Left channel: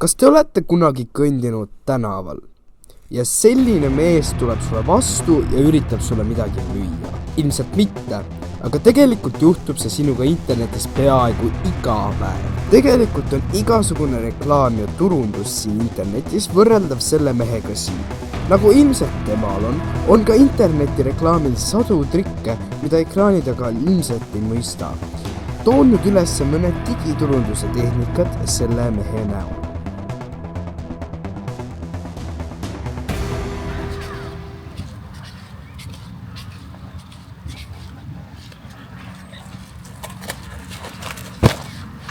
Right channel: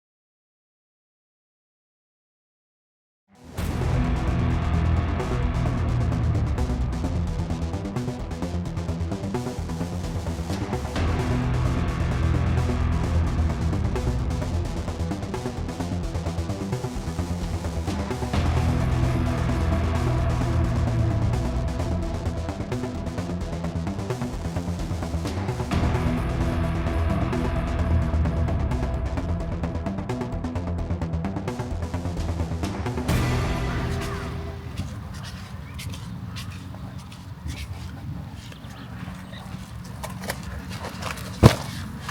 Kas te olete kunagi kõndinud tänaval ja selline mees tuleb sulle vastu ja üritab sulle midagi müüa? Ilmselt mitte, aga tegelikult juhtub see sinuga internetis peaaegu iga päev. Tegelikult on igasugune reklaam ja turundus siin internetis võrreldav selle mehega siin. Nagu ilmselt temal on ka interneti reklaamil sadu trikke, mida ekraani taga ilmselt ei mõista. Toon nüüd üles mõned digiturunduse tehnikat selle mehe näol.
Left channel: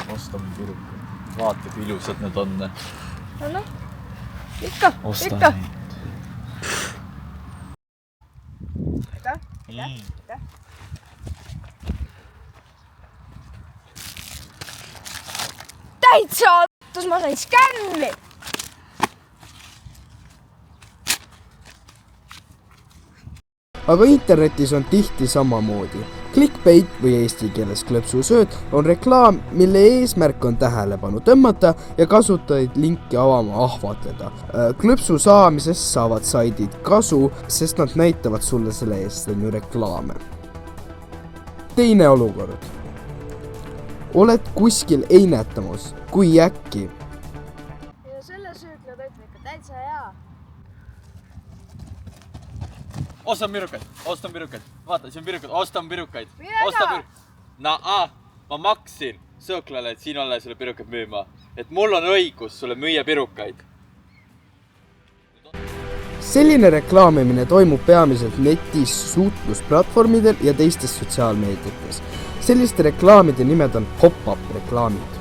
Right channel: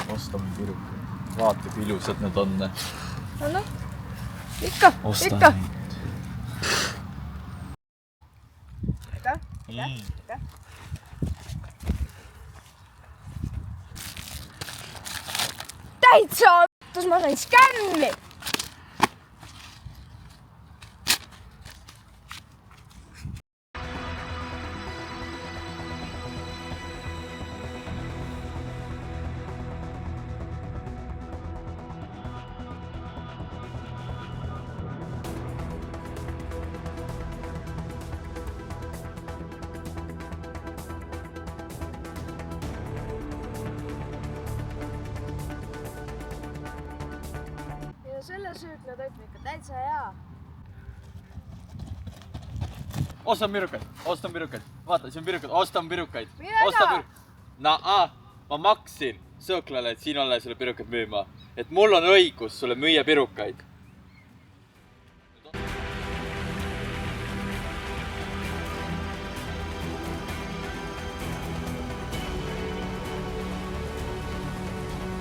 Ostame pirukaid. Vaata, kui ilusad need on. No, ikka. Aitäh. Täitsa ottus, ma sain skänni! Aga internetis on tihti samamoodi. Clickbait või eesti keeles klõpsusööt on reklaam, mille eesmärk on tähelepanu tõmmata ja kasutajaid linki avama ahvatleda. Klõpsu saamisest saavad saidid kasu, sest nad näitavad sulle selle eest reklaame. Teine olukord. Oled kuskil einetamas, kui äkki. Ja selle sööklatoit on ikka täitsa hea. Ostan pirukaid. Vaata, siin on pirukaid. Ostan pirukaid. Millega? Ma maksin sööklale, et siin olla sulle pirukaid müüma. Et mul on õigus sulle müüa pirukaid. Selline reklaamimine toimub peamiselt netis, suhtlusplatvormidel ja teistes sotsiaalmeediates. Selliste reklaamide nimed on pop-up reklaamid.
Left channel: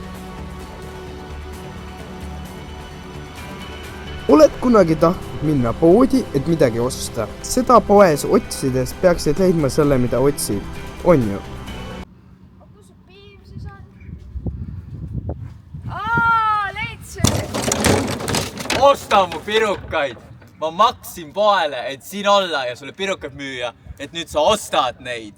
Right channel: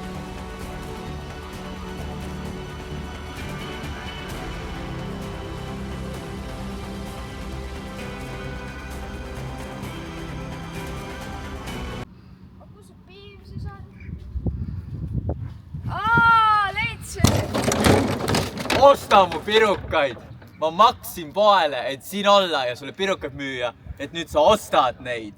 Oled kunagi tahtnud minna poodi, et midagi osta? Seda poes otsides peaksid leidma selle, mida otsid. On ju? Kus see piim siis on? Leidsin! Osta mu pirukaid! Ma maksin poele, et siin olla ja sulle pirukaid müüa, et nüüd sa ostad neid.